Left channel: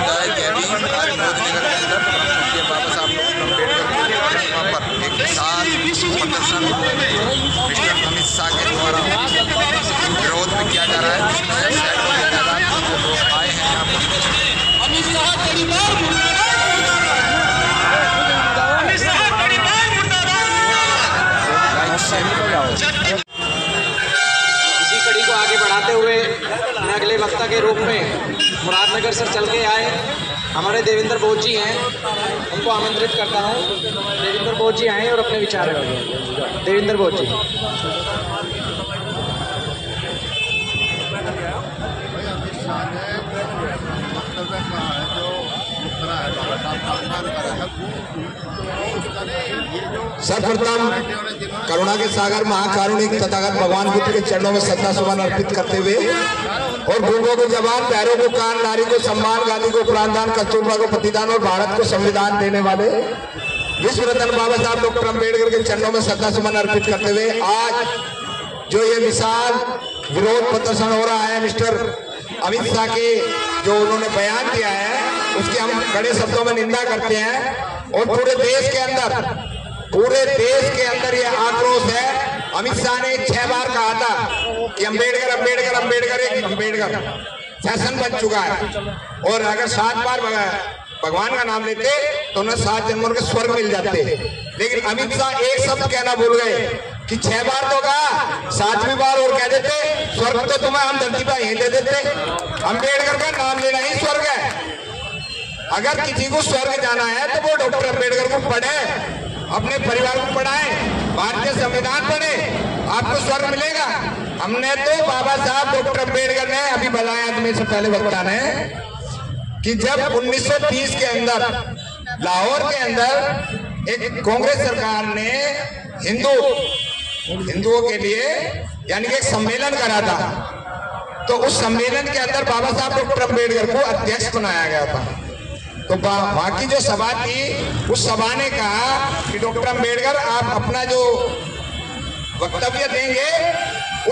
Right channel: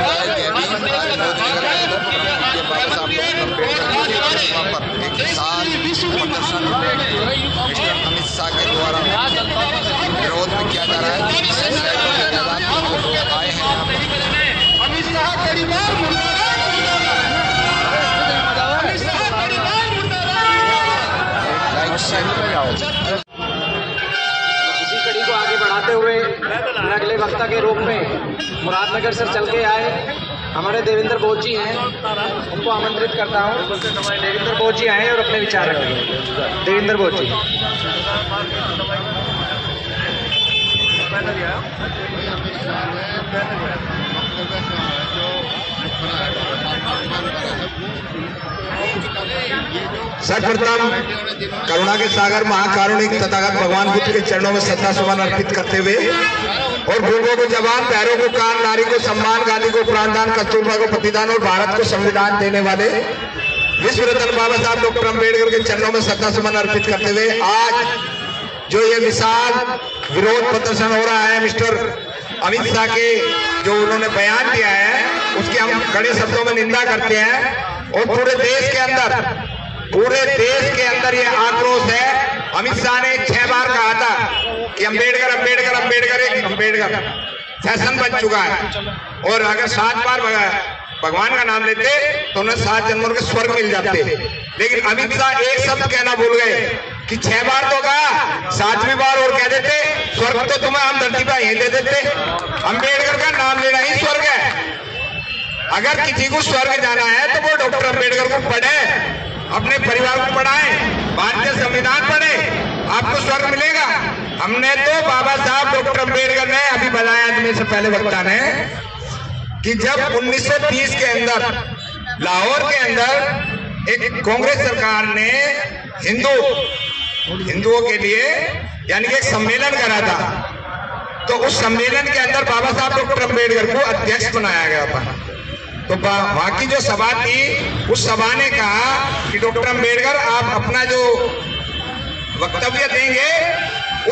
समुदाय के अभी आज मोदीनगर के अंदर पूज्य बाबा साहब डॉक्टर अम्बेडकर की प्रतिमा पर एक विशाल प्रदर्शन मिस्टर अमित शाह के द्वारा विरोध में किया जा रहा है, जिसमें सैकड़ों की तादाद में जो लोग आए हैं यहाँ पर। लाइक शेयर इसी कड़ी को आगे बढ़ाते हुए मैं अगले वक्ता के रूप में मुरादनगर से चल के आए हमारे देवेंद्र बोस जी हैं, उनको आमंत्रित करता हूं। देवेंद्र बोस जी आए और अपने विचार रखें। देवेंद्र बोस जी। सर्वप्रथम करुणा के सागर महाकारुणिक तथागत भगवान बुद्ध के चरणों में श्रद्धा सुमन अर्पित करते हुए और गूंगों को जबान, पैरों को कान, नारी को सम्मान, गांधी को प्राणदान, कस्तूरबा को प्रतिदान और भारत को संविधान देने वाले विश्व रत्न बाबा साहब डॉक्टर अम्बेडकर के चरणों में श्रद्धा सुमन अर्पित करते हुए आज जो ये विशाल विरोध प्रदर्शन हो रहा है मिस्टर अमित शाह के जो उन्होंने बयान दिया है उसकी हम कड़े शब्दों में निंदा करते हैं। और पूरे देश के अंदर ये आक्रोश है। अमित शाह ने 6 बार कहा था कि अम्बेडकर अम्बेडकर अम्बेडकर एक अम्बेडकर फैशन बन चुका है, और अगर 7 बार भगवान का नाम लेते तो उन्हें 7 जन्मों के स्वर्ग मिल जाते। लेकिन अमित शाह एक शब्द कहना भूल गए कि 6 बार तो कहा, 7वीं बार और कह देते स्वर्ग तो तुम्हें हम धरती पर यहीं दे देते। अम्बेडकर का नाम लेना ही स्वर्ग है। अगर किसी को स्वर्ग जाना है तो वो डॉक्टर अम्बेडकर को पढ़े, अपने परिवार को पढ़ाए, भारतीय संविधान पढ़े, आपको स्वर्ग मिलेगा। हमने तो बाबा साहब डॉक्टर अम्बेडकर ने अभी बताया तुम्हें से पहले वक्ता ने कि जब 1930 के अंदर लाहौर के अंदर एक कांग्रेस सरकार ने हिंदुओं के लिए यानी कि एक सम्मेलन करा था, तो उस सम्मेलन के अंदर बाबा साहब डॉक्टर अम्बेडकर को अध्यक्ष बनाया गया था। तो वहां की जो सभा थी उस सभा ने कहा कि डॉक्टर अम्बेडकर आप अपना जो वक्तव्य देंगे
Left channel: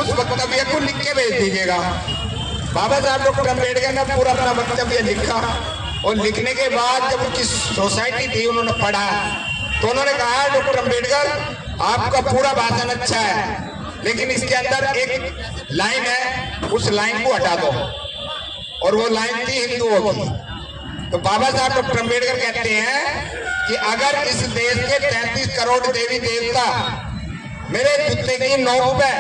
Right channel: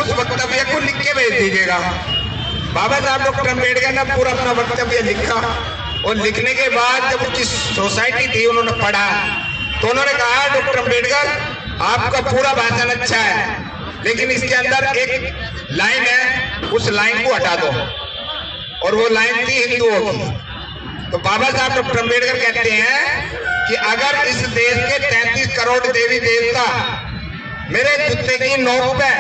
उस वक्तव्य को लिख के भेज दीजिएगा। बाबा साहब डॉक्टर अम्बेडकर ने पूरा अपना वक्तव्य लिखा, और लिखने के बाद जब उनकी सोसाइटी थी उन्होंने पढ़ा तो उन्होंने कहा डॉक्टर अम्बेडकर आपका पूरा भाषण अच्छा है, लेकिन इसके अंदर एक लाइन है, उस लाइन को हटा दो। और वो लाइन थी हिंदुओं की। तो बाबा साहब डॉक्टर अम्बेडकर कहते हैं कि अगर इस देश के 33 करोड़ देवी देवता मेरे जूते की नोक पे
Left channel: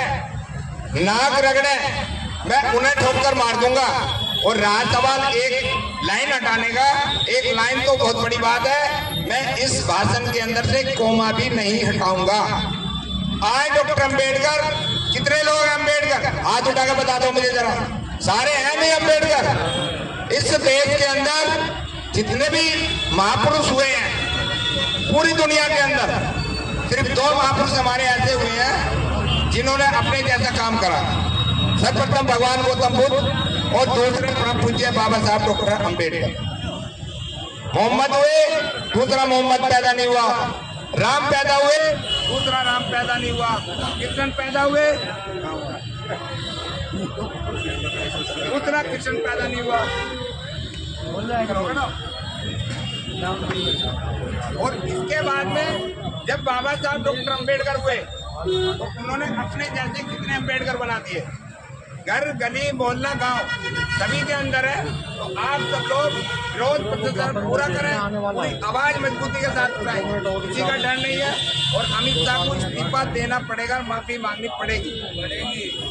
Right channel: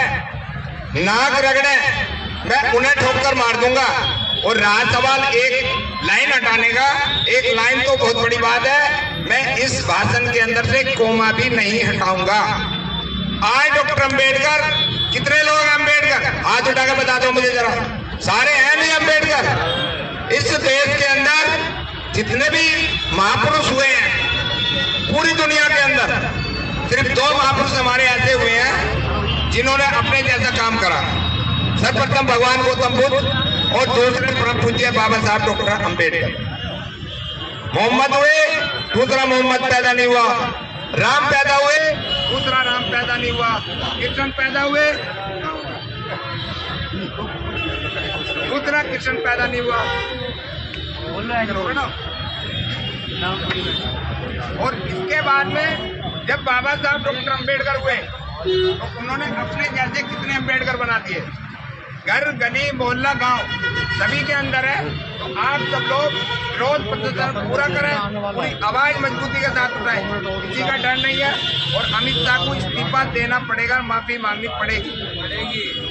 नाक रगड़े, मैं उन्हें ठोकर मार दूंगा। और रहा सवाल एक लाइन हटाने का, एक लाइन तो बहुत बड़ी बात है, मैं इस भाषण के अंदर से कोमा भी नहीं हटाऊंगा। आज डॉक्टर अम्बेडकर, कितने लोग हैं अम्बेडकर? हाथ उठा के बता दो मुझे जरा, सारे हैं नहीं अम्बेडकर? इस देश के अंदर जितने भी महापुरुष हुए हैं पूरी दुनिया के अंदर, सिर्फ 2 महापुरुष हमारे ऐसे हुए हैं जिन्होंने अपने जैसा काम करा। सर्वप्रथम भगवान गौतम बुद्ध और दूसरे परम पूज्य बाबा साहब डॉक्टर अम्बेडकर। मोहम्मद हुए, दूसरा मोहम्मद पैदा नहीं हुआ। राम पैदा हुए, दूसरा राम पैदा नहीं हुआ। कृष्ण पैदा हुए, दूसरा कृष्ण पैदा नहीं हुआ। और इसके बाद में जब बाबा साहब डॉक्टर अम्बेडकर हुए तो उन्होंने अपने जैसे कितने अम्बेडकर बना दिए। घर, गली, मोहल्ला, गांव सभी के अंदर है। तो आप सब लोग विरोध प्रदर्शन पूरा करें, पूरी आवाज मजबूती के साथ उठाएं, किसी का डर नहीं है। और अमित शाह को इस्तीफा देना पड़ेगा, माफी मांगनी पड़ेगी।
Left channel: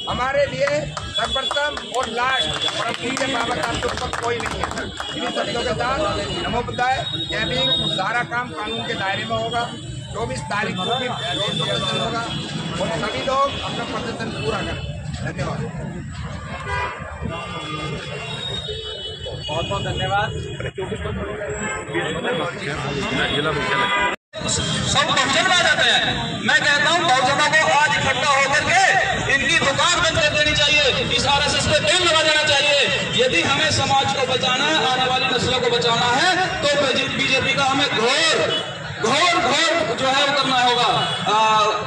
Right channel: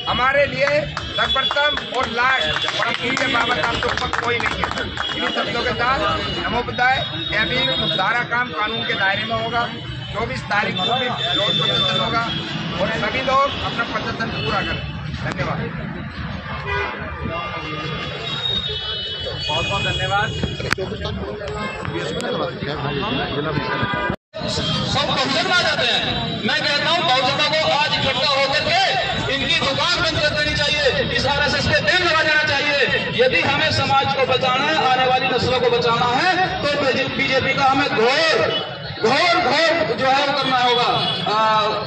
हमारे लिए सर्वप्रथम और लास्ट परम पूज्य बाबा साहब के ऊपर कोई नहीं है। इन्हीं शब्दों के साथ नमो बुद्धाय। यह भी सारा काम कानून के दायरे में होगा। 24 तारीख को भी विरोध प्रदर्शन होगा और सभी लोग अपना प्रदर्शन पूरा करें। धन्यवाद, बहुत बहुत धन्यवाद। सब बहुजन आ जाते हैं। मैं कहता हूँ बहुजनों को आज इकट्ठा होकर के इनकी दुकान बंद कर देनी चाहिए, इस RSS को बैन लगा देना चाहिए। यदि हमें समाज को बचाना है, आने वाली नस्लों को बचाना है, तो बीजेपी का हमें घोर जो है वो करना होगा,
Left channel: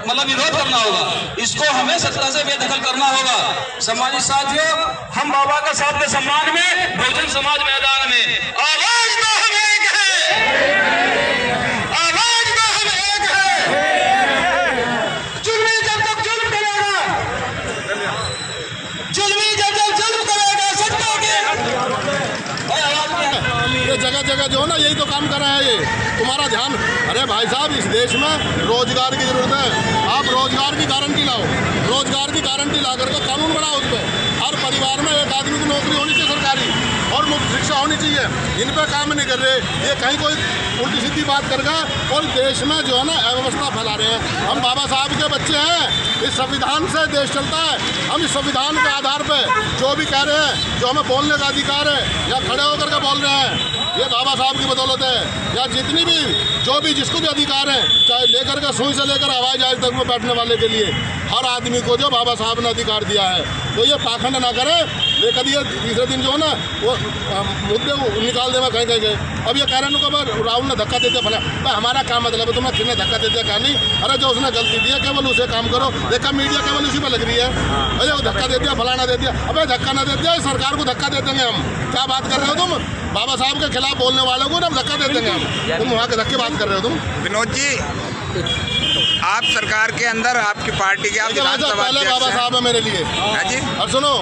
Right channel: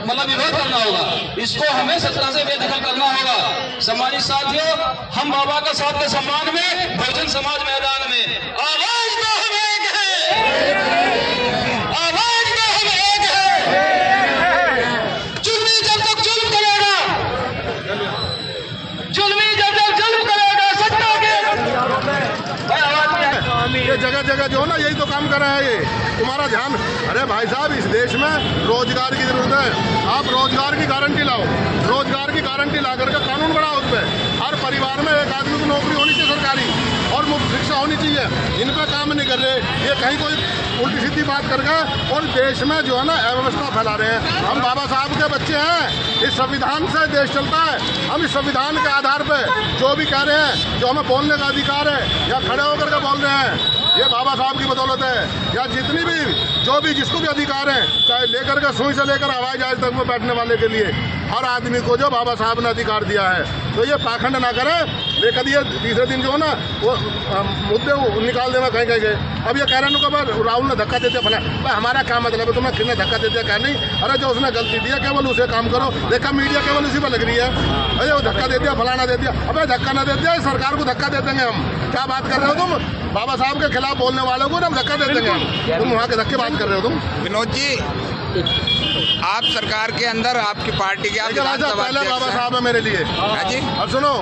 मतलब विरोध करना होगा। इसको हमें सत्ता से बेदखल करना होगा। सम्मानित साथियों, हम बाबा के साथ के सम्मान में बहुजन समाज मैदान में ये जगह जगह जो है ना यही तो काम कर रहे हैं ये। तुम्हारा ध्यान, अरे भाई साहब इस देश में रोजगार की जरूरत है। आप रोजगार की गारंटी लाओ, रोजगार की गारंटी ला करके कानून बनाओ उस पर। हर परिवार में एक आदमी की नौकरी होनी चाहिए सरकारी, और मुफ्त शिक्षा होनी चाहिए। इन पर काम नहीं कर रहे, ये कहीं कोई उल्टी सीधी बात कर गए और देश में जो है ना अव्यवस्था फैला रहे हैं। हम बाबा साहब के बच्चे हैं, इस संविधान से देश चलता है। हम इस संविधान के आधार पर जो भी कह रहे हैं, जो हमें बोलने का अधिकार है या खड़े होकर के बोल रहे हैं, ये बाबा साहब की बदौलत है। या जितनी भी जो भी जिसको भी अधिकार है, चाहे लेकर के सुई से लेकर हवाई जहाज तक में बैठने वाले के लिए, हर आदमी को जो बाबा साहब ने अधिकार दिया है। तो ये पाखंड ना करें, लेकर ये तीसरे दिन जो है ना वो मुद्दे निकाल देगा कहीं कहीं गए। अब ये कह रहे हैं राहुल ने धक्का दे दिया फला, भाई हमारा क्या मतलब है तुम्हें किसने धक्का दे दिया क्या नहीं। अरे जो उसने गलती दी है केवल उसे काम करो। देखा मीडिया केवल उसी पर लग रही है, अरे वो धक्का दे दिया फलाना दे दिया। अबे धक्का ना दे दिया, सरकार को धक्का दे देंगे हम। क्या बात कर रहे हो तुम? बाबा साहब के खिलाफ बोलने वालों को ना धक्का दे देंगे हम। तुम वहाँ के धक्के बात कर रहे हो तुम। विनोद जी, आप सरकार के अंदर आपकी पार्टी के आप पहले बाबा साहब है मेरे लिए जी। और सुनो,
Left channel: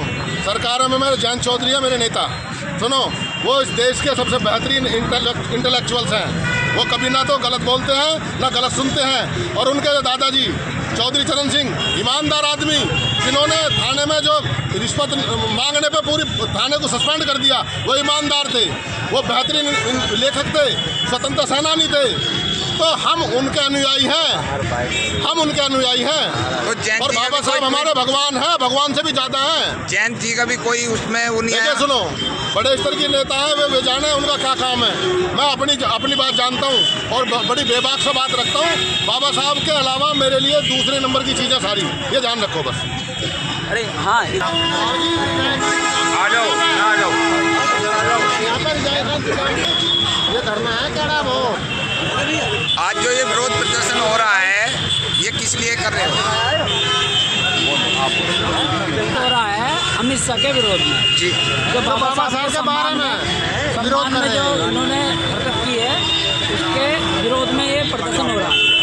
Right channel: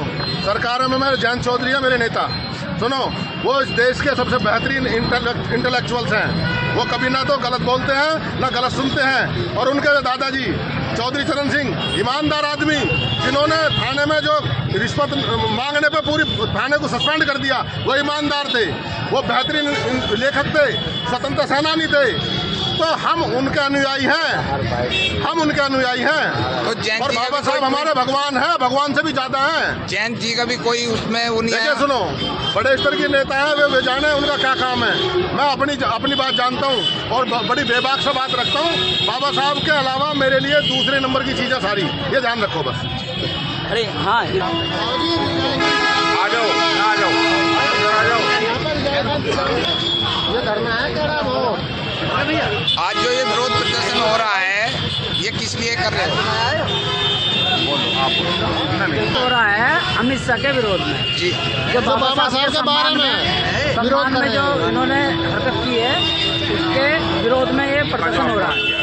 सरकार में मेरे जयंत चौधरी है मेरे नेता। सुनो, वो इस देश के सबसे बेहतरीन इंटेलेक्चुअल्स हैं। वो कभी ना तो गलत बोलते हैं ना गलत सुनते हैं। और उनके दादाजी चौधरी चरण सिंह ईमानदार आदमी, जिन्होंने थाने में जो रिश्वत मांगने पे पूरी थाने को सस्पेंड कर दिया, वो ईमानदार थे। वो बेहतरीन लेखक थे, स्वतंत्रता सेनानी थे। तो हम उनके अनुयायी हैं, हम उनके अनुयायी हैं। तो जयंत और बाबा साहब हमारे भगवान हैं, भगवान से भी ज़्यादा हैं। जयंत जी का भी कोई उसमें वो नहीं है। सुनो, बड़े स्तर के नेता हैं, वे जाने उनका क्या काम है। मैं अपनी बात जानता हूँ और बड़ी बेबाक से बात रखता हूँ। बाबा साहब के अलावा मेरे लिए दूसरे नंबर की चीज़ें सारी, ये ध्यान रखो बस। अरे हाँ, आ जाओ आ जाओ आ जाओ। ये करना है क्या वो? आज जो ये विरोध प्रदर्शन हो रहा है, ये किस लिए कर रहे हो? हो रहा है अमित शाह के विरोध में जी। जो बाबा साहब के सम्मान में जो इन्होंने हरकत की है, उसके विरोध में ये प्रदर्शन हो रहा है।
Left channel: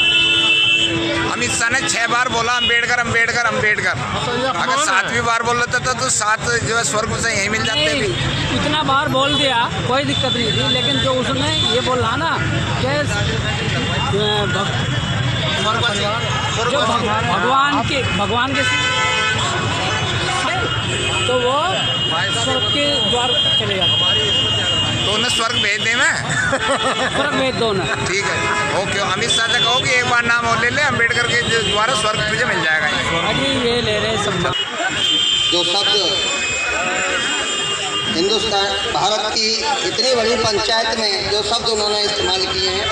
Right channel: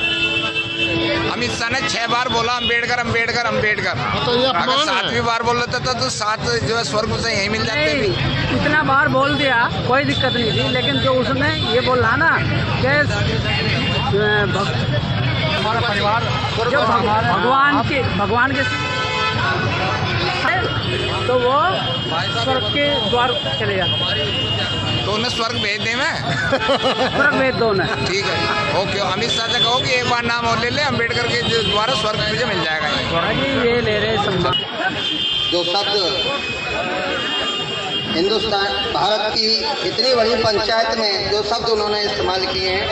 अमित शाह ने 6 बार बोला अम्बेडकर अम्बेडकर अम्बेडकर। अगर 7वीं बार बोल लेता था तो 7 जो है स्वर्ग से यही मिल जाते भी। इतना बार बोल दिया कोई दिक्कत नहीं थी, लेकिन जो उसने ये बोला ना कि हमारा परिवार जो भगवान के तो वो स्वर्ग के द्वार चले जाते, तो उन्हें स्वर्ग भेज दे। मैं स्वर्ग भेज दो ना। ठीक है, ओके। अमित शाह से कहो कि एक बार नाम और ले ले, अम्बेडकर के द्वारा स्वर्ग तुझे मिल जाएगा। ये ले रहे सब जो शब्द हिंदुस्तान भारत की इतनी बड़ी पंचायत में जो शब्द उन्होंने इस्तेमाल किए हैं,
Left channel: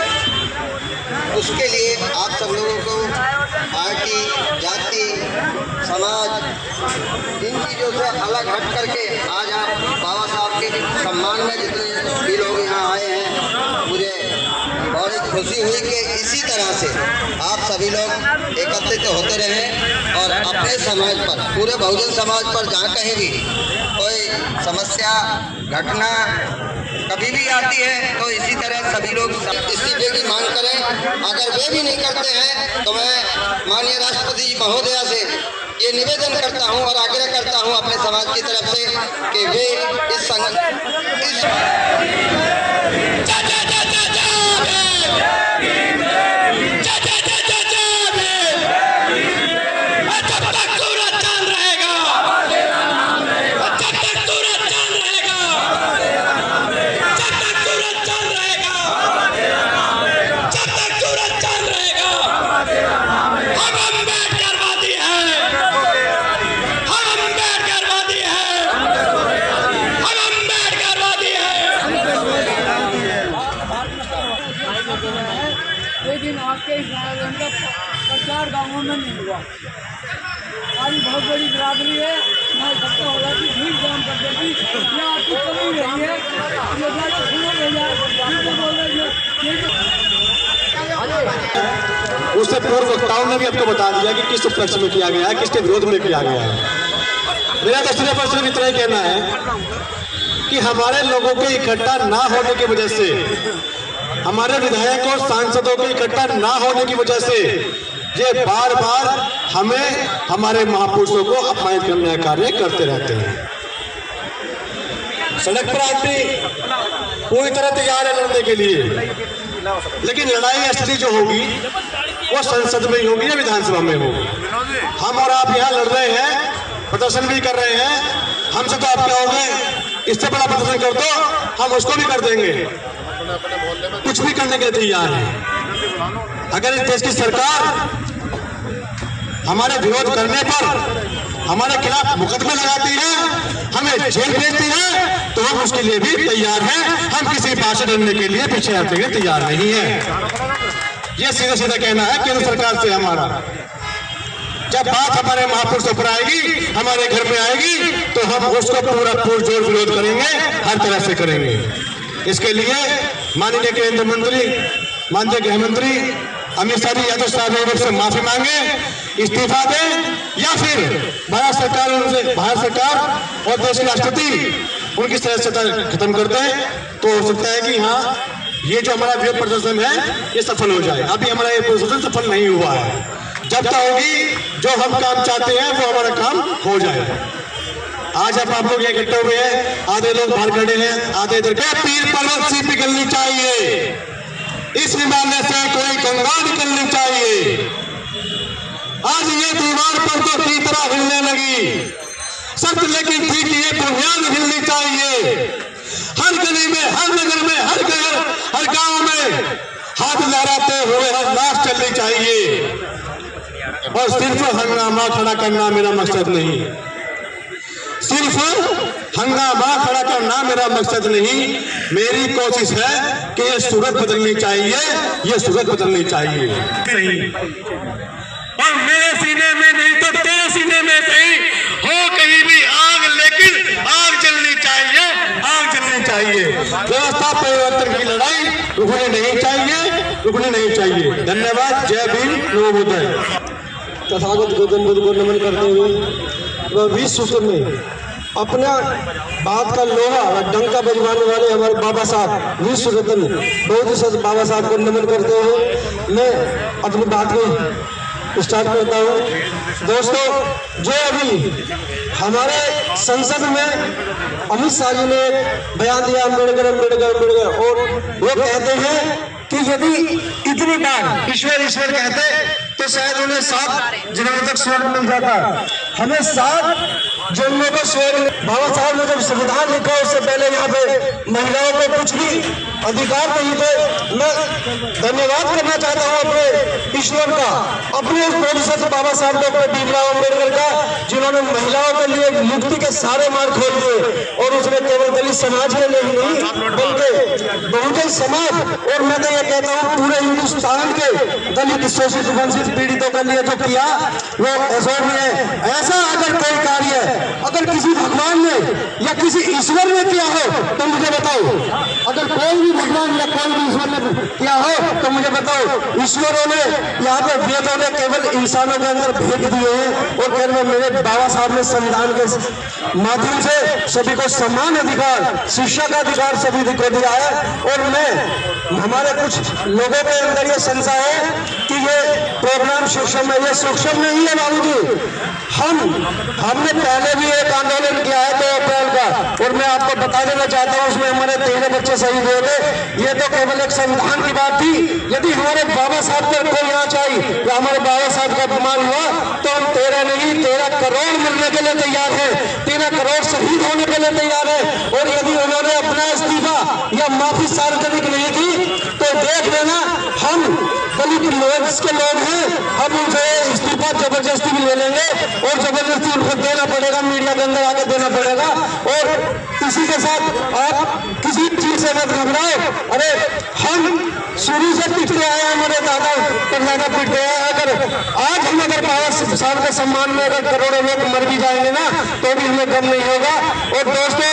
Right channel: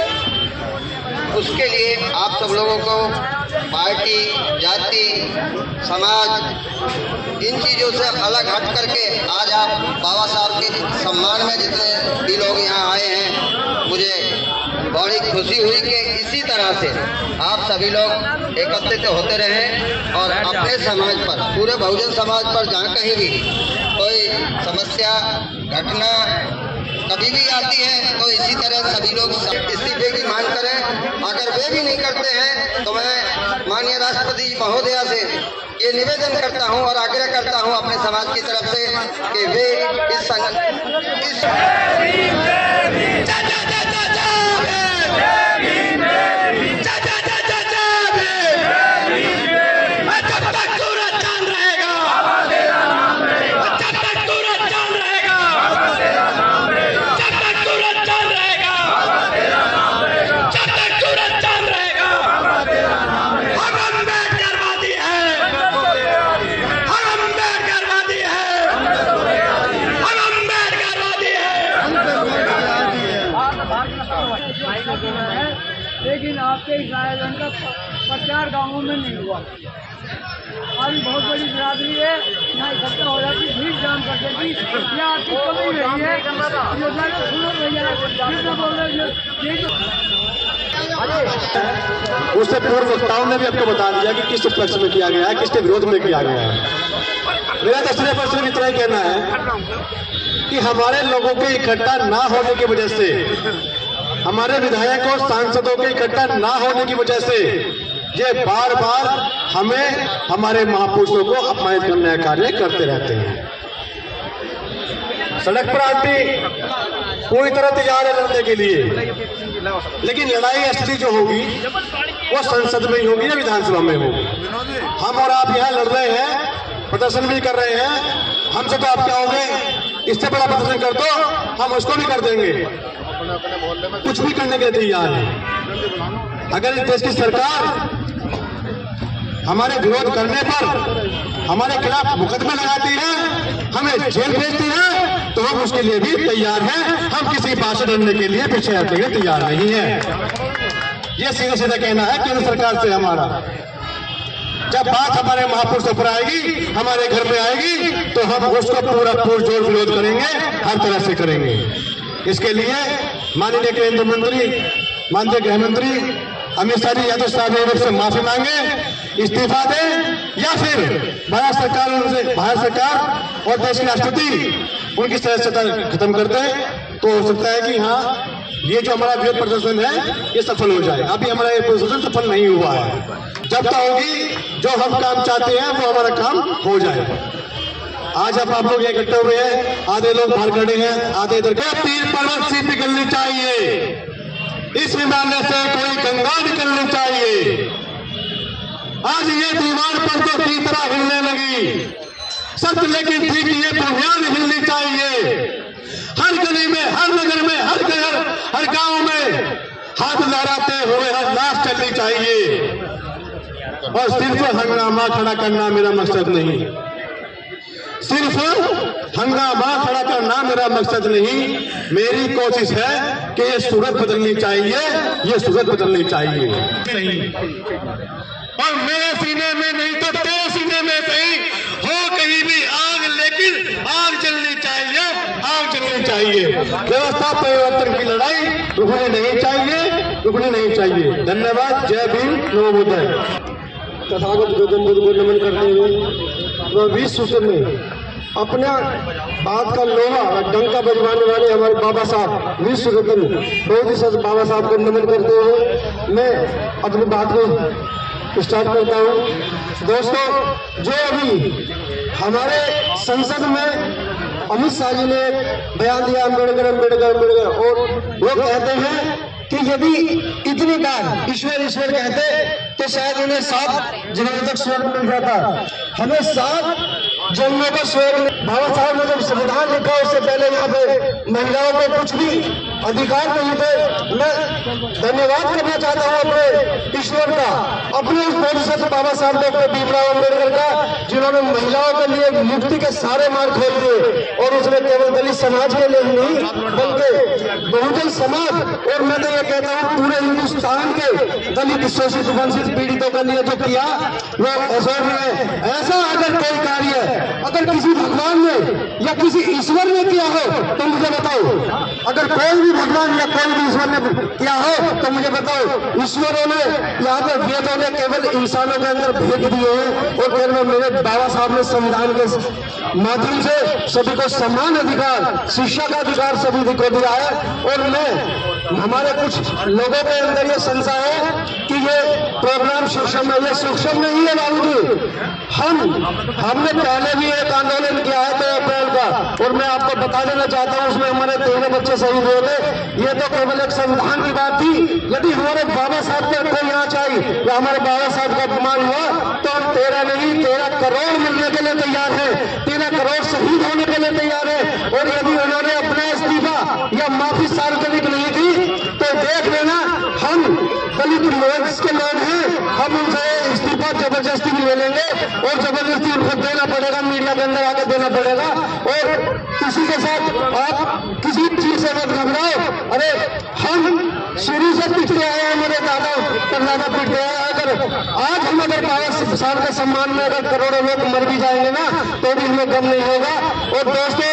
उसके लिए आप सब लोगों को पार्टी, जाति, समाज, इन चीज़ों से अलग हट करके आज आप बाबा साहब के सम्मान में जितने भी लोग यहाँ आए हैं, मुझे बड़ी खुशी हुई कि इसी तरह से आप सभी लोग एकत्रित होते रहें और अपने समाज पर, पूरे बहुजन समाज पर जहाँ कहीं भी कोई समस्या घटना कभी भी आती है तो इसी तरह सभी लोग इस्तीफे की मांग करें। अगर वे भी नहीं करते हैं तो मैं माननीय राष्ट्रपति जी महोदया से ये निवेदन करता हूं और आग्रह करता हूं अपने समाज की तरफ से कि वे इस लेकिन आपके इस आयोजन का प्रचार गाँवों में नहीं हुआ। आज बहुत बड़ी बिरादरी है, यहाँ इकट्ठा हो जाती, भीड़ जाम कर देती, यहाँ आपकी कमी रही है। उससे पूर्व वक्ताओं ने भी आपको बता दिया कि किस उपलक्ष्य में किया गया है, किसके विरोध में किया गया है। मेरा तो सिर्फ इतना ही कहना है कि हमारे लोगों के इकट्ठा ना होने की वजह से, हमारे विधायकों सांसदों के इकट्ठा ना होने की वजह से ये बार बार हमें, हमारे महापुरुषों को अपमानित करने का कार्य करते रहते हैं। सड़क पर आदमी पूरी तरह तैयार है लड़ने के लिए, लेकिन लड़ाई असली जो होगी वो संसद में ही होगी या विधानसभा में होगी। हम और आप यहाँ लड़ रहे हैं, प्रदर्शन भी कर रहे हैं, हमसे तो आप क्या होंगे, इससे बड़ा प्रदर्शन कर दो, हम उसको भी कर देंगे, कुछ भी करने के लिए तैयार है। अगर इस देश की सरकार हमारे विरोध करने पर हमारे खिलाफ मुकदमे लगाती है, हमें जेल भेजती है, तो हम उसके लिए भी तैयार हैं। हम किसी बात से डरने के लिए पीछे हटने के लिए तैयार नहीं है। ये सीधा सीधा कहना है केंद्र सरकार से हमारा। जब बात हमारे महापुरुषों पर आएगी, हमारे घर में आएगी, तो हम उसको पूरा पुरजोर विरोध करेंगे, हर तरह से करेंगे। इसके लिए माननीय केंद्र मंत्री, माननीय गृह मंत्री अमित शाह जी यादव साहब से माफी मांगे, इस्तीफा दें, या फिर भारत सरकार और देश के राष्ट्रपति उनकी सदस्यता खत्म कर दें, तो हो सकता है कि हाँ ये जो हमारा विरोध प्रदर्शन है ये सफल हो जाए। अभी हमारा ये प्रदर्शन सफल नहीं हुआ है। जब तक होगी जो हम काम चाहते हैं वो हमारा काम हो जाए। आज आप लोग इकट्ठे हुए हैं, आधे लोग बाहर खड़े हैं, आधे इधर। तीन पर्वत सी पिघलनी चाहिए, इस हिमालय से कोई गंगा निकलनी चाहिए। आज ये दीवार पर तो की तरह हिलने लगी, सच लेकिन ठीक ये बुनियाद हिलनी चाहिए। हर गली में, हर नगर में, हर घर, हर गांव में हाथ लहराते हुए हर लाश चलनी चाहिए। और सिर्फ हंगामा खड़ा करना मेरा मकसद नहीं, सिर्फ हंगामा खड़ा करना मेरा मकसद नहीं। मेरी कोशिश है कि ये सूरत बदलनी चाहिए, ये सूरत बदलनी चाहिए। और मेरे सीने में नहीं तो तेरे सीने में कहीं हो कहीं भी आग, लेकिन आग जलनी चाहिए, आग जलनी चाहिए। व्यवस्था परिवर्तन की लड़ाई रुकनी नहीं चाहिए, रुकनी नहीं चाहिए। धन्यवाद। जय भीम, नमो बुद्धाय। तथागत गौतम बुद्ध को नमन करते हुए वह 20 सूत्र में अपना बात का लोहा और डंका बजवाने वाले हमारे बाबा साहब 20 रत्न बहुत ही सच बाबा साहब को नमन करते हुए मैं अपनी बात को स्टार्ट करता हूँ। दोस्तों, जो अभी हमारे संसद में अमित शाह जी ने बयान दिया अम्बेडकर अम्बेडकर अम्बेडकर, और वो कहते हैं कि यदि इतनी बार ईश्वर ईश्वर कहते तो शायद उन्हें 7 जन्मों तक स्वर्ग मिल जाता। हमें 7 जन्मों का स्वर्ग। बाबा साहब ने जब संविधान लिखा उससे पहले यहाँ पे महिलाओं को कुछ भी अधिकार नहीं थे। मैं धन्यवाद करना चाहता हूँ अपने ईश्वर का, अपने इस बोधिसत्व बाबा साहब डॉक्टर भीमराव अम्बेडकर का, जिन्होंने महिलाओं के लिए मुक्ति के सारे मार्ग खोल दिए। और उसमें केवल दलित समाज के लिए नहीं बल्कि बहुजन समाज, और मैं तो ये कहता हूँ पूरे हिंदुस्तान के दलित शोषित वंचित पीड़ितों के लिए जो किया वो ऐश्वर्य है। ऐसा अगर कोई कार्य अगर किसी भगवान ने या किसी ईश्वर ने किया हो तो मुझे बताओ। अगर कोई भी भगवान या कोई भी ईश्वर ने किया हो तो मुझे बताओ। ईश्वरों ने यहाँ पे वेदों ने केवल इंसानों के अंदर भेद दिए हैं, और केवल मेरे बाबा साहब ने संविधान के माध्यम से सभी को समान अधिकार, शिक्षा का अधिकार सभी को दिया है। और मैं हमारे कुछ लोगों के अंदर ये संशय है कि ये प्रोग्राम सूक्ष्म है, ये सूक्ष्म नहीं है बाबूजी। हमने पहले भी एक आंदोलन किया है 2 अप्रैल का, और मैं आपको बता देना चाहता हूँ उसमें हमारे 13 बच्चे शहीद हुए थे। ये तो केवल एक संविधान की बात थी। यदि हमारे बाबा साहब पर कोई यहाँ चाहिए या हमारे बाबा साहब का अपमान हुआ तो हम 13 नहीं 13 करोड़ मिलने के लिए तैयार है, 13 करोड़ शहीद होने के लिए तैयार है। और यदि उन्होंने अपना इस्तीफा या माफी सार्वजनिक नहीं की तो देख लेना, हम दलित लोग के लोग हैं, हम उनसे इस्तीफा जबरदस्ती भी ले लेंगे, और जबरदस्ती उनको देना पड़ेगा, मीडिया के अंदर आके देना पड़ेगा। और किसी के साथ आप किसी चीज से मत घबराओ। अरे हम शुरू से पिछले आए, हमारे दादा परदादा पिछले आए। अगर आज हम अगर बाबा साहब के सम्मान में अगर करोड़ों लोग मर भी जाएंगे ना तो भी हमें गम नहीं होगा। और दोस्तों,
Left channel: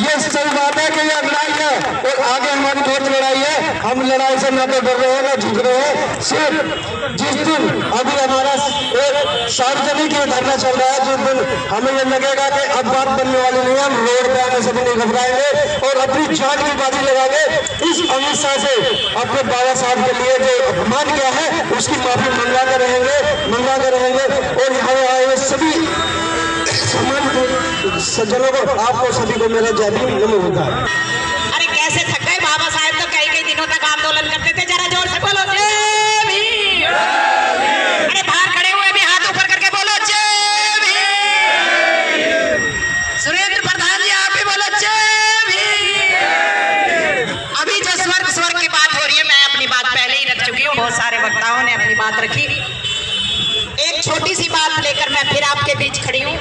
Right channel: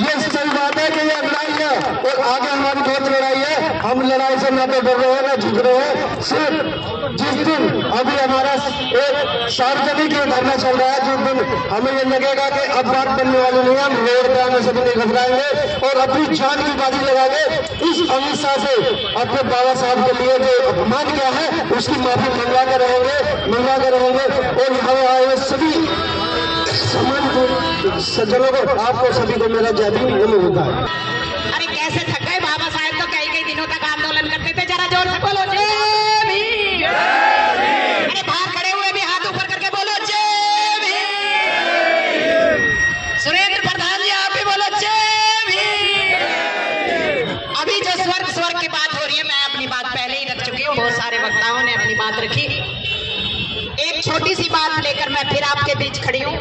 ये सही बात है कि ये लड़ाई है और आगे हमारी बहुत लड़ाई है। हम लड़ाई से न तो डर रहे हैं न झुक रहे हैं। सिर्फ जिस दिन अभी हमारा एक सार्वजनिक धरना चल रहा है, जिस दिन हमें ये लगेगा कि अब बात करने वाली नहीं है, हम रोड पे आने से भी नहीं घबराएंगे और अपनी जान की बाजी लगाएंगे। इस अमित शाह से अपने बाबा साहब के लिए जो अपमान किया है उसकी माफी मंगा कर रहेंगे। और यहाँ आए सभी सज्जनों को, आपको सभी को मेरा जय भीम, नमो बुद्धाय। अरे कैसे थक गए अभी जो स्वर्ग की बात हो रही है, मैं अपनी बात पहले ही रख चुकी हूँ, बहुत सारे वक्ताओं ने अपनी बात रखी। एक छोटी सी बात लेकर मैं फिर आपके बीच खड़ी हूँ।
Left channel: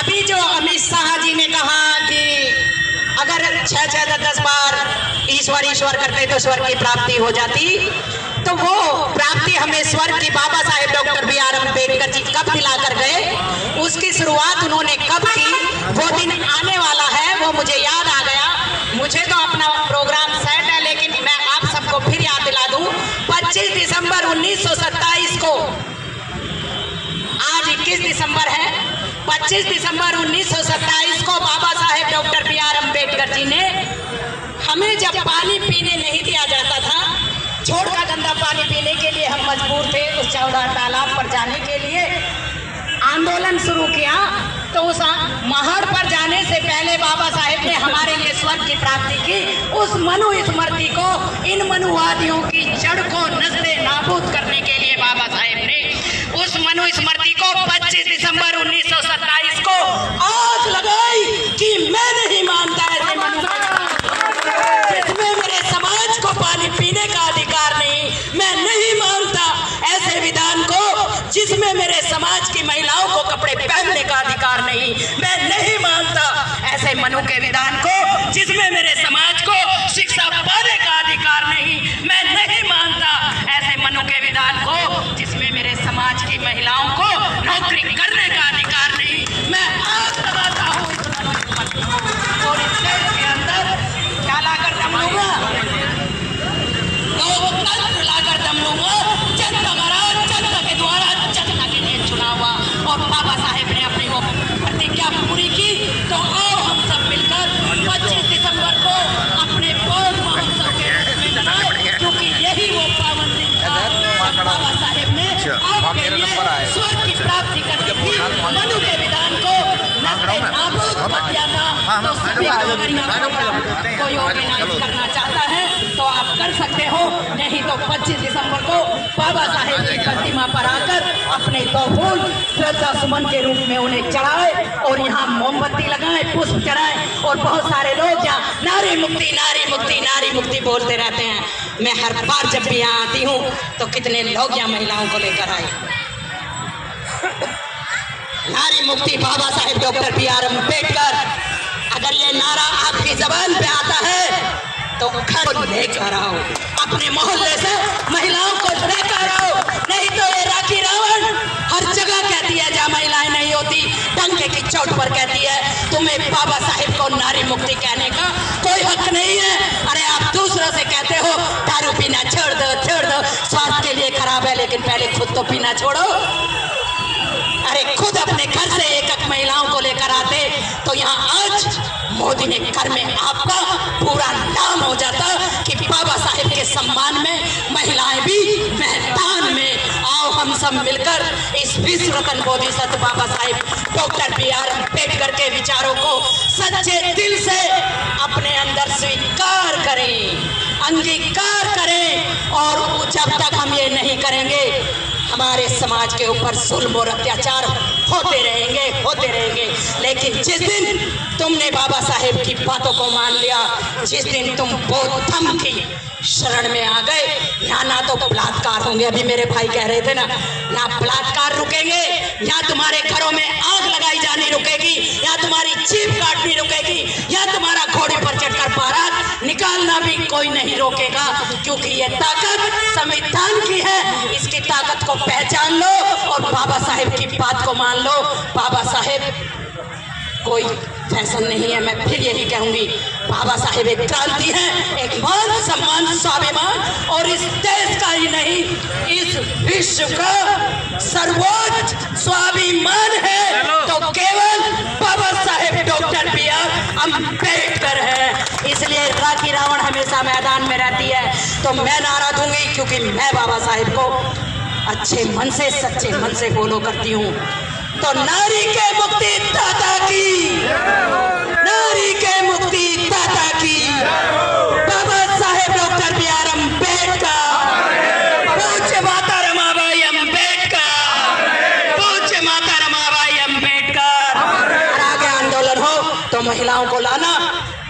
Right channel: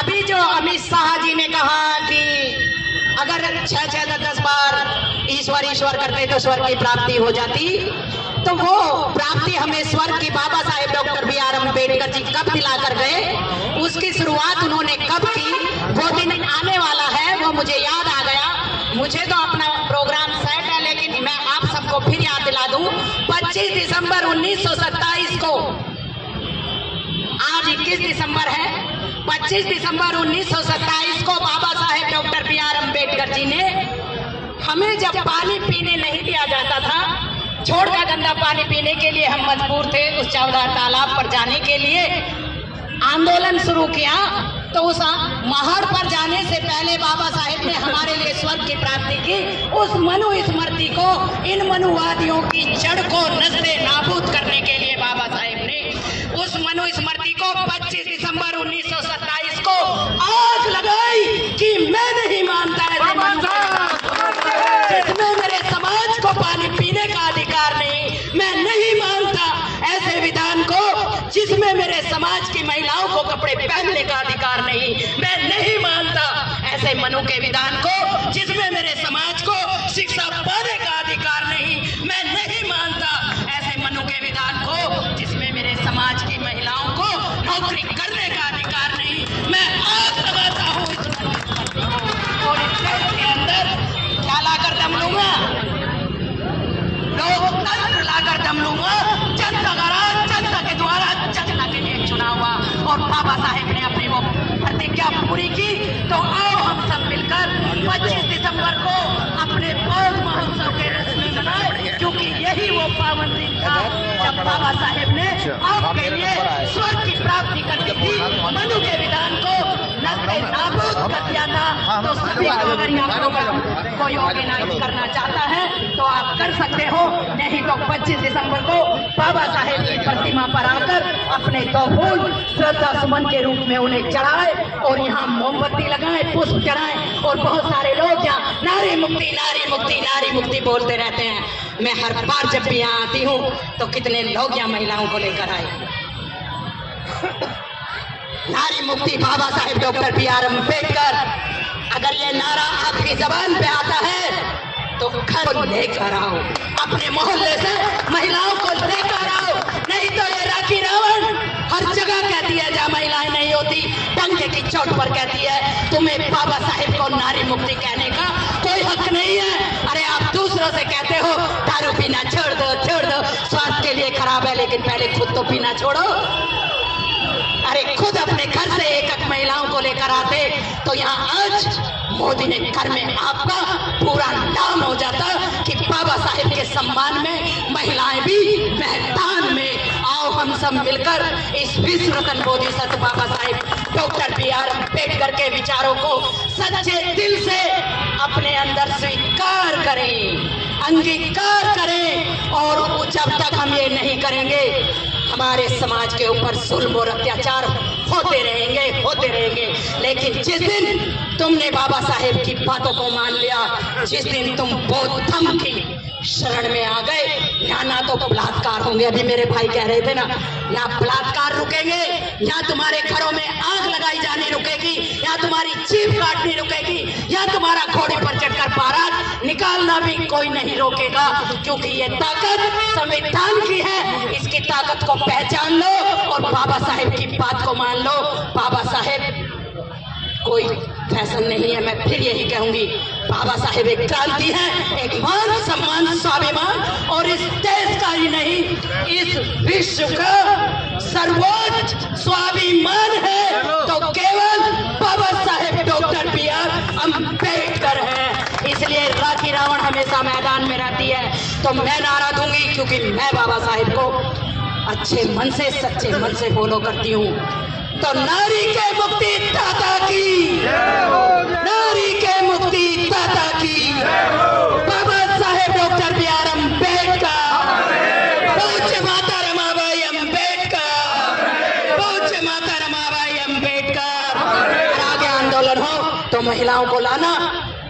अभी जो अमित शाह जी ने कहा कि अगर 6-10 बार ईश्वर ईश्वर करते तो स्वर्ग की प्राप्ति हो जाती, तो वो प्राप्ति हमें स्वर्ग की बाबा साहेब डॉक्टर बी.आर. अम्बेडकर जी कब दिला कर गए, उसकी शुरुआत उन्होंने कब की, वो दिन आने वाला है, वो मुझे याद आ गया। मुझे तो अपना प्रोग्राम सेट है, लेकिन मैं आप सबको फिर याद दिला दूं। 25 दिसंबर 1927 को, आज 21 दिसंबर है, 25 दिसंबर 1927 को बाबा साहेब डॉक्टर बी.आर. अम्बेडकर जी ने हमें जब पानी पीने नहीं दिया जाता था, छोड़ का गंदा पानी पीने के लिए हम मजबूर थे, उस 14 तालाब पर जाने के लिए आंदोलन शुरू किया। तो उस महड़ पर जाने से पहले बाबा साहेब ने हमारे लिए स्वर्ग की प्राप्ति की। उस मनु स्मृति को, इन मनुवादियों की जड़ को नस्ले नाबूद करने के लिए बाबा साहेब ने उस मनु स्मृति को 25 दिसंबर 1927 को आग लगाई कि मैं नहीं मानता ऐसे मनु, इसमें मेरे समाज को पानी पीने का अधिकार नहीं, मैं नहीं मानता ऐसे विधान को जिसमें मेरे समाज की महिलाओं को कपड़े पहनने का अधिकार नहीं, मैं नहीं मानता ऐसे मनु के विधान को जिसमें मेरे समाज को शिक्षा पाने का अधिकार नहीं, मैं नहीं मानता ऐसे मनु के विधान को जिसमें मेरे समाज की महिलाओं को नौकरी करने का अधिकार नहीं। मैं आग लगाता हूँ इस मनु को और इस देश के अंदर डालाकर दम लूंगा, लोकतंत्र लाकर दम लूंगा। जनता के द्वारा जनता के लिए चुना हुआ और बाबा साहेब ने अपनी वो प्रतिज्ञा पूरी की। तो आओ हम सब मिलकर 25 दिसंबर को अपने पौध महोत्सव के रूप में मनाएं, क्योंकि यही वो पावन दिन था जब बाबा साहेब ने आपके लिए स्वर्ग की प्राप्ति करनी थी। मनु के विधान को नस्ले नाबूद कर दिया था। तो सभी कोई ऑर्गेनाइज करना चाहता है तो आप कर सकते हो, नहीं तो 25 दिसंबर को बाबा साहेब की प्रतिमा पर आकर अपने 2 फूल श्रद्धा सुमन के रूप में उन्हें चढ़ाए और यहाँ मोमबत्ती लगाए, पुष्प चढ़ाए। और बहुत सारे लोग यहाँ नारी मुक्ति नारी मुक्ति नारी मुक्ति बोलते रहते हैं। मैं हर बार जब भी यहाँ आती हूँ तो कितने लोग यहाँ महिलाओं को लेकर आए। नारी मुक्ति बाबा साहेब डॉक्टर बी.आर. अम्बेडकर, अगर ये नारा आपकी जबान पे आता है तो घर लेकर आओ, अपने मोहल्ले से महिलाओं को लेकर आओ, नहीं तो ये राखी रावण हर जगह कहती है जहाँ महिलाएं नहीं होती, डंके की चोट पर कहती है। तुम्हें बाबा साहेब को नारी मुक्ति कहने का कोई हक नहीं है। अरे आप दूसरों से कहते हो दारू पीना छोड़ दो, स्वास्थ्य के लिए खराब है, लेकिन पहले खुद तो पीना छोड़ो। अरे खुद अपने घर से एक महिलाओं को लेकर आते तो यहाँ आज मोदी ने घर में आपका पूरा नाम हो जाता कि बाबा साहेब के सम्मान में महिलाएं भी मैदान में। आओ हम सब मिलकर इस विश्व रत्न बोधिसत्व बाबा साहेब डॉक्टर बी.आर. अम्बेडकर के विचारों को सच्चे दिल से अपने अंदर स्वीकार करें, अंगीकार करें। और जब तक हम ये नहीं करेंगे हमारे समाज के ऊपर जुल्म और अत्याचार होते रहेंगे। लेकिन जिस दिन तुमने बाबा साहेब की बातों को मान लिया, जिस दिन तुम बौद्ध धर्म की शरण में आ गए, ना तो बलात्कार होंगे, अभी मेरे भाई कह रहे थे ना बलात्कार रुकेंगे, या तुम्हारे घरों में आग लगाई जानी रुकेगी, या तुम्हारी जीभ काटनी रुकेगी, या तुम्हारा घोड़े पर चढ़कर बारात निकालना भी कोई नहीं रोकेगा। क्योंकि ये ताकत संविधान की है, इसकी ताकत को पहचान लो और बाबा साहेब की बात को मान लो। बाबा साहेब कोई फैशन नहीं है, मैं फिर यही कहूंगी, बाबा साहेब एक क्रांति है, एक मान सम्मान स्वाभिमान और इस देश का ही नहीं इस विश्व का सर्वोच्च स्वाभिमान है तो केवल बाबा साहेब डॉक्टर बी.आर. अम्बेडकर है। इसलिए राखी रावण हमेशा मैदान में रहती है तो मैं नारा दूंगी, क्योंकि मैं बाबा साहेब को अच्छे मन से सच्चे मन से फॉलो करती हूँ। तो नारी के मुक्ति दाता की, नारी के मुक्ति दाता की, बाबा साहेब डॉक्टर बी.आर. अम्बेडकर, पूज्य माता रमाबाई अम्बेडकर, पूज्य माता रमाबाई अम्बेडकर। आगे आंदोलन हो तो महिलाओं को लाना,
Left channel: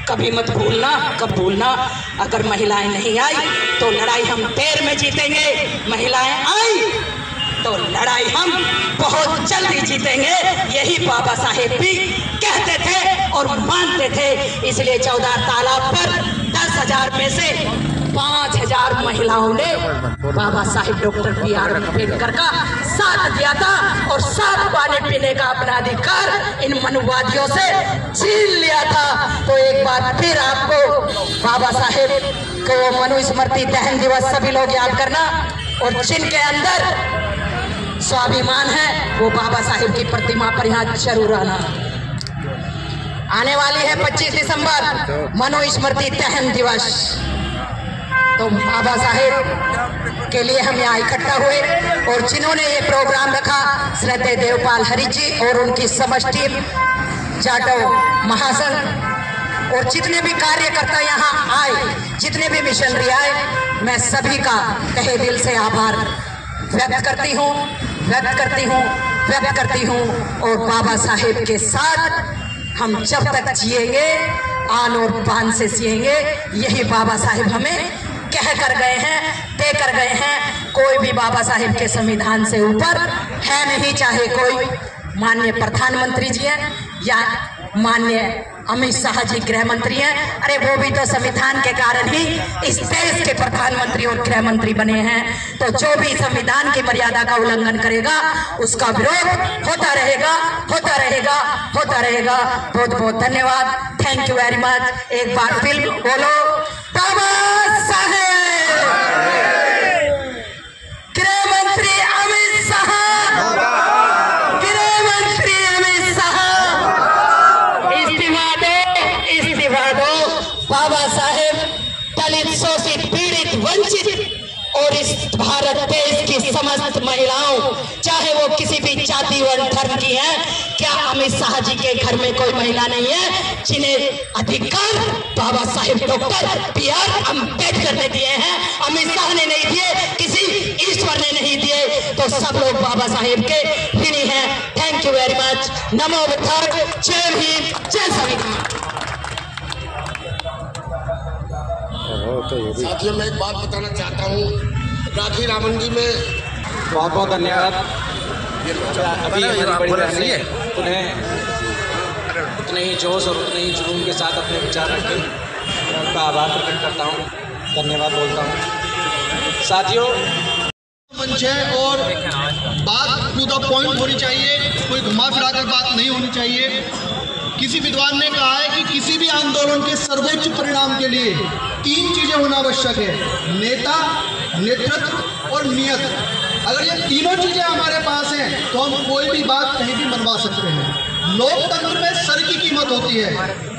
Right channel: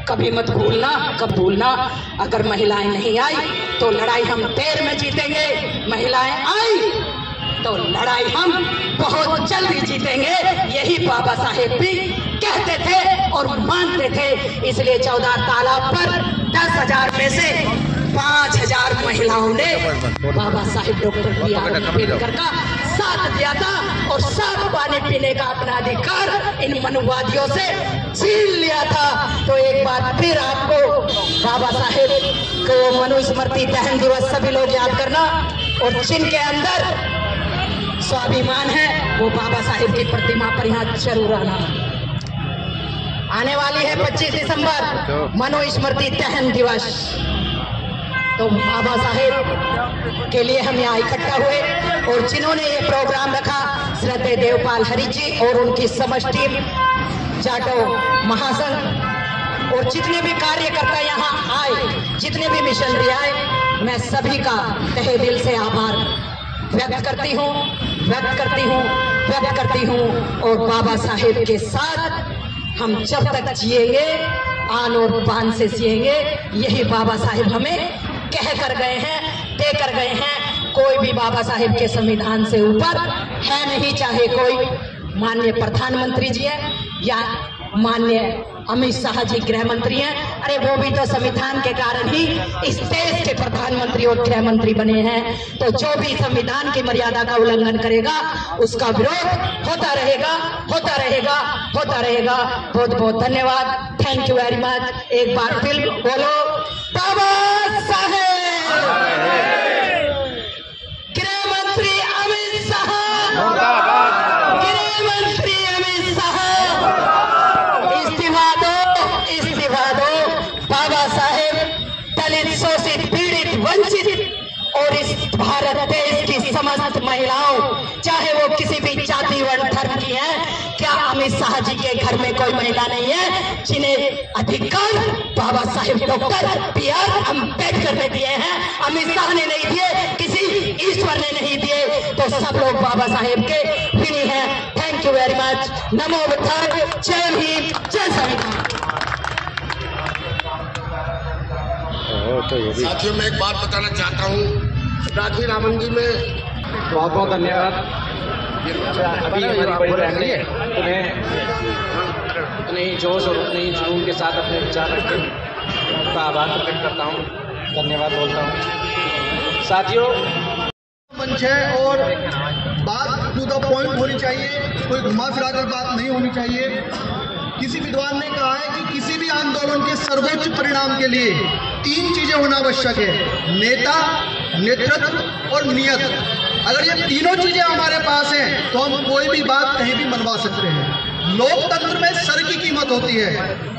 कभी मत भूलना, कब भूलना, अगर महिलाएं नहीं आई तो लड़ाई हम देर में जीतेंगे, महिलाएं आई तो लड़ाई हम बहुत जल्दी जीतेंगे। यही बाबा साहेब भी कहते थे और मानते थे। इसलिए 14 तालाब पर 10,000 में से 5,000 महिलाओं ने बाबा साहेब डॉक्टर B.R. अम्बेडकर का साथ दिया था और साथ पानी पीने का अपना अधिकार इन मनुवादियों से छीन लिया था। तो एक बार फिर आपको बाबा साहेब को मनुस्मृति दहन दिवस सभी लोग याद करना, और जिनके अंदर स्वाभिमान है वो बाबा साहेब की प्रतिमा पर यहाँ जरूर आना। आने वाली है 25 दिसंबर मनुस्मृति दहन दिवस, तो बाबा साहेब के लिए हम यहाँ इकट्ठा हुए और जिन्होंने ये प्रोग्राम रखा, श्रद्धेय देवपाल हरि जी और उनकी समष्टि जाटव महासंघ और जितने भी कार्यकर्ता यहाँ आए, जितने भी मिशनरी आए, मैं सभी का तहे दिल से आभार व्यक्त करती हूँ और बाबा साहेब के साथ हम जब तक जिएंगे आन और बान से जिएंगे। यही बाबा साहेब हमें कह कर गए हैं, दे कर गए हैं। कोई भी बाबा साहेब के संविधान से ऊपर है नहीं, चाहे कोई माननीय प्रधानमंत्री जी हैं या माननीय अमित शाह जी गृह मंत्री हैं। अरे वो भी तो संविधान के कारण ही इस देश के प्रधानमंत्री और गृह मंत्री बने हैं। तो जो भी संविधान की मर्यादा का उल्लंघन करेगा उसका विरोध होता रहेगा। बहुत बहुत धन्यवाद, थैंक यू वेरी मच। एक बार फिर बोलो बाबा साहेब, गृह मंत्री अमित शाह, गृह मंत्री अमित शाह, इस्तीफा दो। बाबा साहेब दलित, शोषित, पीड़ित, वंचित और इस भारत देश की समस्त महिलाओं, चाहे वो किसी भी जाति वर्ण धर्म की है, क्या अमित शाह जी के घर में कोई महिला नहीं है जिन्हें अधिकार बाबा साहेब डॉक्टर B.R. अम्बेडकर ने दिए हैं? अमित शाह ने नहीं दिए, किसी ईश्वर ने नहीं दिए, तो सब लोग बाबा साहेब के ऋणी हैं। Thank you very much. नमो बुद्धाय, जय भीम, जय संविधान। साथियों, मैं एक बात बताना चाहता हूँ, राखी रामन जी में बहुत बहुत धन्यवाद। उन्हें उतने ही जोश और उतने ही जुनून के साथ अपने विचार रखते मैं उनका आभार प्रकट करता हूँ, धन्यवाद बोलता हूँ। साथियों, मंच है और बात टू द पॉइंट होनी चाहिए, कोई घुमा फिरा कर बात नहीं होनी चाहिए। किसी विद्वान ने कहा है कि किसी भी आंदोलन के सर्वोच्च परिणाम के लिए 3 चीजें होना आवश्यक है, नेता, नेतृत्व और नियत। अगर ये तीनों चीजें हमारे पास हैं तो हम कोई भी बात कहीं भी मनवा सकते हैं। लोकतंत्र में सर की कीमत होती है।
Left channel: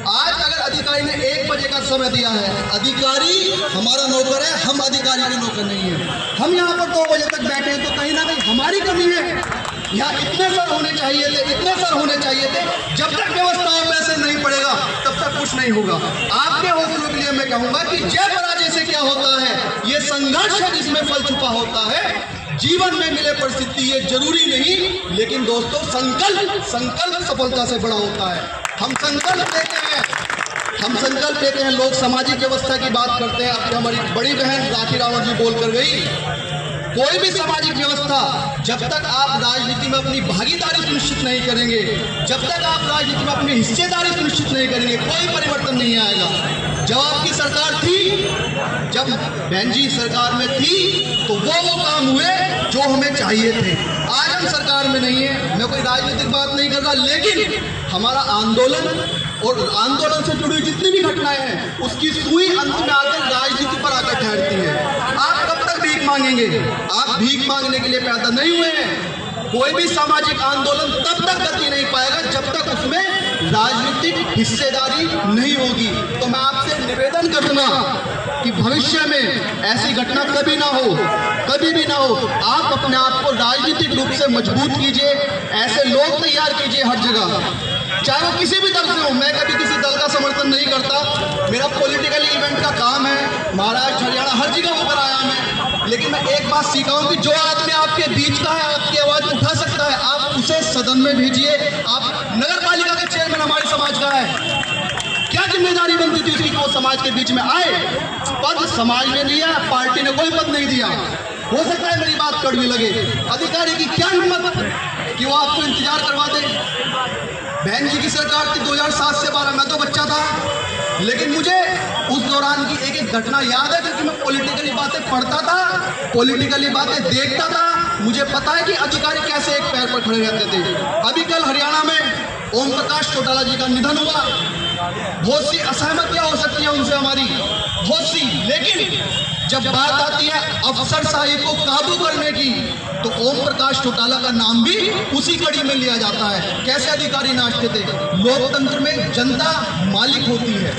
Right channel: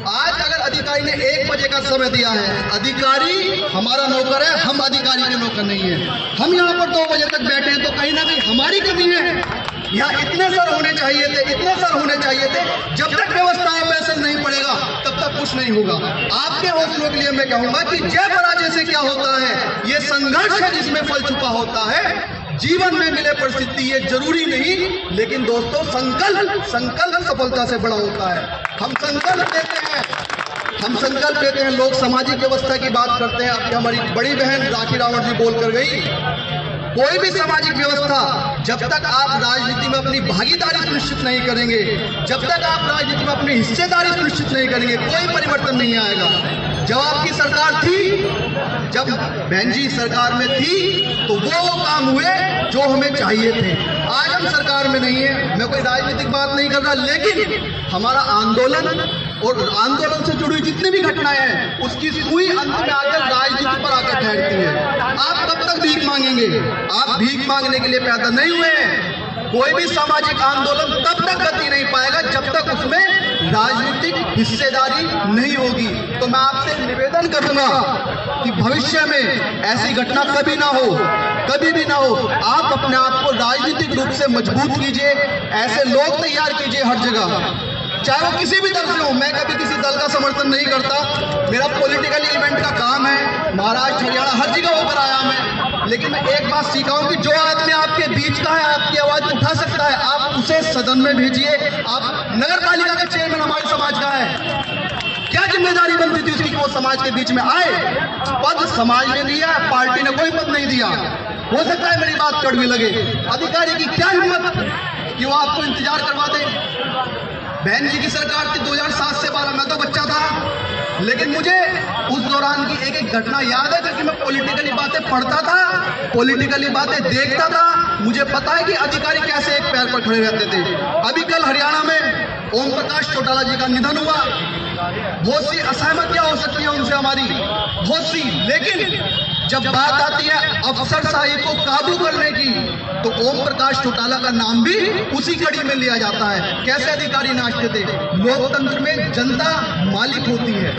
आज अगर अधिकारी ने 1 बजे का समय दिया है, अधिकारी हमारा नौकर है, हम अधिकारी के नौकर नहीं है। हम यहाँ पर 2 बजे तक बैठे हैं तो कहीं ना कहीं हमारी कमी है। यहाँ इतने सर होने चाहिए थे। जब तक व्यवस्था पैसे नहीं पड़ेगा तब तक कुछ नहीं होगा। आपके हौसलों के लिए मैं कहूँगा कि जय पराजय से क्या होता है, ये संघर्ष है जिसमें फल छुपा होता है। जीवन में मिले परिस्थिति ये जरूरी नहीं, लेकिन दोस्तों संकल्प सफलता से बड़ा होता है। हम संकल्प लेते हैं। लोग सामाजिक व्यवस्था की बात करते हैं। अब हमारी बड़ी बहन राखी रावण जी बोल कर गई, कोई भी सामाजिक व्यवस्था जब तक आप राजनीति में अपनी भागीदारी सुनिश्चित नहीं करेंगे, जब तक आप राजनीति में अपनी हिस्सेदारी सुनिश्चित नहीं करेंगे, कोई परिवर्तन नहीं आएगा। जब आपकी सरकार थी, जब बहन जी सरकार में थी, तो वो काम हुए जो हमें चाहिए थे। आज हम सरकार में नहीं है, मैं कोई राजनीतिक बात नहीं कर रहा, लेकिन हमारा आंदोलन और आंदोलन से जुड़ी जितनी भी घटनाएं हैं, उसकी सुई अंत में आकर राजनीति पर आकर ठहरती है। आप कब तक भीख मांगेंगे? आप भीख मांगने के लिए पैदा नहीं हुए हैं। कोई भी सामाजिक आंदोलन तब तक गति नहीं पाएगा जब तक उसमें राजनीतिक हिस्सेदारी नहीं होगी। तो मैं आपसे निवेदन करूंगा कि भविष्य में ऐसी घटना कभी ना हो, कभी भी ना हो। आप अपने आप को राजनीतिक रूप से मजबूत कीजिए, ऐसे लोग तैयार कीजिए हर जगह, चाहे वो किसी भी दल से हो। मैं कभी किसी दल का समर्थन नहीं करता, मेरा पॉलिटिकल इवेंट का काम है, महाराष्ट्र हरियाणा हर जगह होकर आया मैं। लेकिन मैं एक बात सीखा हूं कि जो आदमी आपके बीच का है, आपकी आवाज उठा सकता है, आप उसे सदन में भेजिए। आप नगर पालिका का चेयरमैन हमारे समाज का है, क्या क्या जिम्मेदारी बनती थी उसकी कि वो समाज के बीच में आए? पद समाज ने दिया, पार्टी ने कोई पद नहीं दिया। हो सकता है मेरी बात कड़वी लगे, अधिकारी की क्या हिम्मत कि वो आपको इंतजार करवा दे। बहन जी की सरकार थी 2007 से 12, मैं तो बच्चा था, लेकिन मुझे उस दौरान की एक एक घटना याद है क्योंकि मैं पॉलिटिकली बातें पढ़ता था, पॉलिटिकली बातें देखता था। मुझे पता है कि अधिकारी कैसे एक पैर पर खड़े रहते थे। अभी कल हरियाणा में ओम प्रकाश चौटाला जी का निधन हुआ। बहुत सी असहमतियां हो सकती है उनसे हमारी, बहुत सी, लेकिन जब बात आती है अफसरशाही को काबू करने की तो ओम प्रकाश चौटाला का नाम भी उसी कड़ी में लिया जाता है। कैसे अधिकारी नाचते थे? लोकतंत्र में जनता मालिक होती है।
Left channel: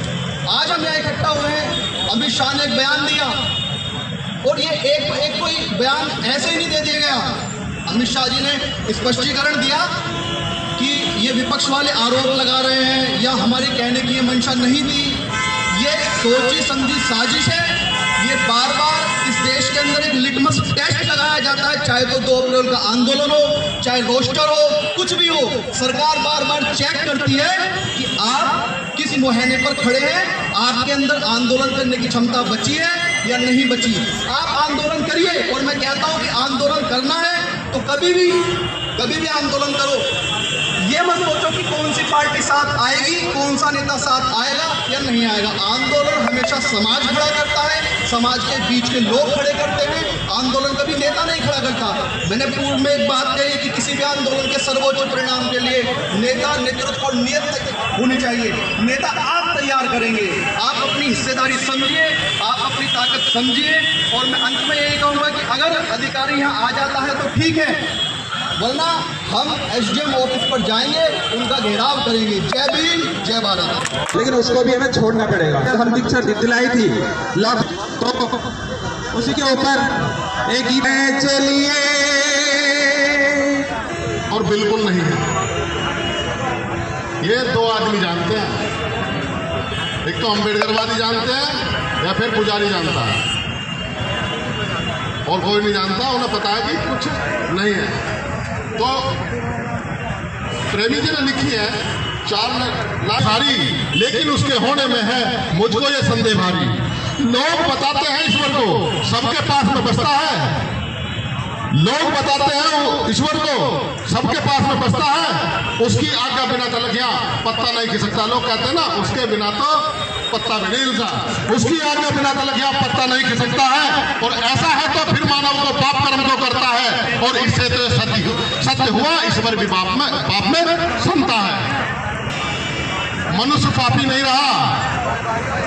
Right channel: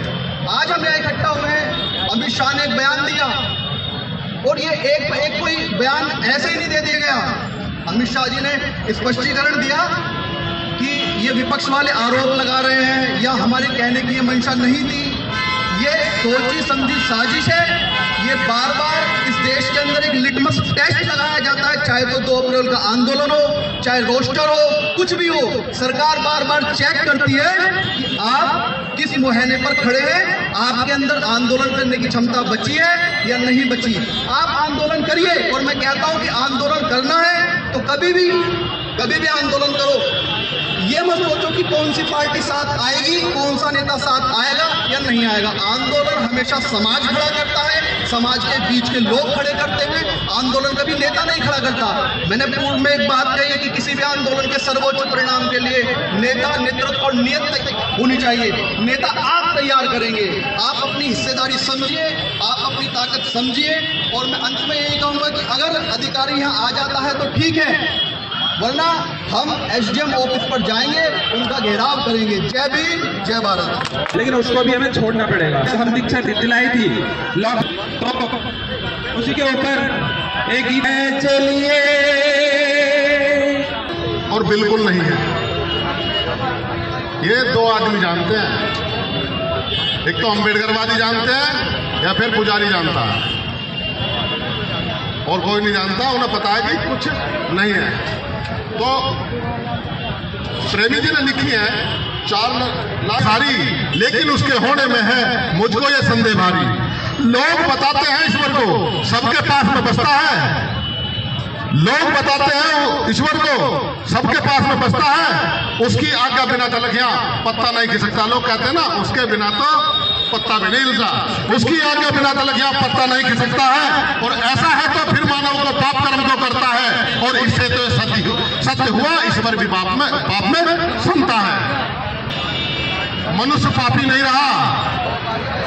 आज हम यहाँ इकट्ठा हुए हैं, अमित शाह ने एक बयान दिया और ये एक कोई बयान ऐसे ही नहीं दे दिया गया। अमित शाह जी ने स्पष्टीकरण दिया कि ये विपक्ष वाले आरोप लगा रहे हैं या हमारे कहने की ये मंशा नहीं थी, ये सोची समझी साजिश है। ये बार बार इस देश के अंदर एक लिटमस टेस्ट लगाया जाता है, चाहे तो 2 अप्रैल का आंदोलन हो, चाहे रोस्टर हो, कुछ भी हो, सरकार बार बार चेक करती है कि आप किस मुहैने पर खड़े हैं, आपके अंदर आंदोलन करने की क्षमता बची है या नहीं बची। आप आंदोलन करिए, और मैं कहता हूं कि आंदोलन करना है तो कभी भी आंदोलन करो। ये मत सोचो कि कौन सी पार्टी साथ आएगी, कौन सा नेता साथ आएगा या नहीं आएगा। आंदोलन हमेशा समाज खड़ा करता है, समाज के बीच के लोग खड़े करते हैं, आंदोलन कभी नेता नहीं खड़ा करता। मैंने पूर्व में एक बात कही कि किसी भी आंदोलन के सर्वोच्च परिणाम के लिए नेता, नेतृत्व और नियत होनी चाहिए। नेता आप तैयार करेंगे, आप अपनी हिस्सेदारी समझिए, आप अपनी ताकत समझिए। और मैं अंत में यही कहूँगा कि अगर अधिकारी यहाँ आ जाता है तो ठीक है, वरना हम एसडीएम ऑफिस पर जाएंगे, उनका घेराव करेंगे। जय भीम, जय भारत। लेकिन उसको भी हमें छोड़ना पड़ेगा। हम दीक्षा दिलाई थी लॉक, तो उसी के ऊपर एक गीत है, चलिए, और बिल्कुल नहीं है। ये 2 आदमी जानते हैं, एक तो अम्बेडकरवादी जानते हैं या फिर पुजारी जानता है, और कोई नहीं जानता। उन्हें पता है कि कुछ नहीं है। तो प्रेमी जी ने लिखी है 4 लाख भारी, लेकिन उसके होने में है मुझको ये संदेह भारी। लोग बताते हैं ईश्वर को सबके पास में बसता है, लोग बताते हैं ईश्वर को सबके पास में बसता है, उसकी आज्ञा बिना तलखियां पत्ता नहीं खिसकता। लोग कहते हैं ना, उसके बिना तो पत्ता भी नहीं हिलता, उसकी आज्ञा बिना तलखियां पत्ता नहीं खिसकता है। और ऐसा है तो फिर मानव को पाप कर्म तो करता है, और इससे तो सत्य हुआ, ईश्वर भी पाप में सुनता है। मनुष्य पापी नहीं रहा,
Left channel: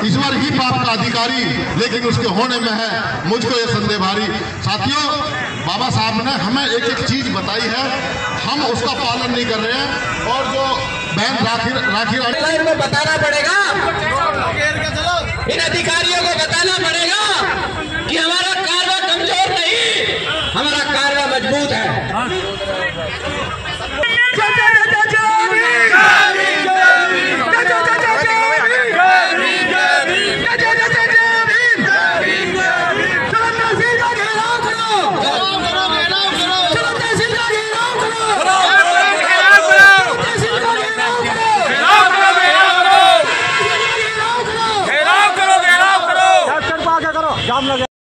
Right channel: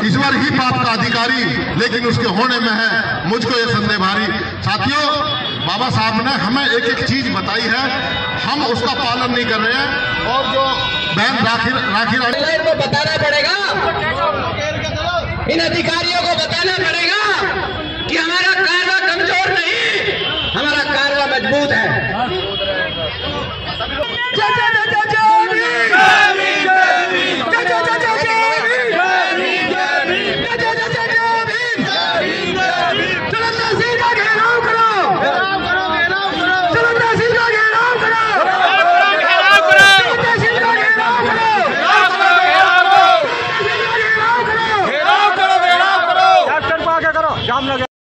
ईश्वर ही पाप का अधिकारी, लेकिन उसके होने में है मुझको ये संदेह भारी। साथियों, बाबा साहब ने हमें एक एक चीज बताई है, हम उसका पालन नहीं कर रहे हैं। और जो बहन राखी बताना पड़ेगा, इन अधिकारियों को बताना पड़ेगा।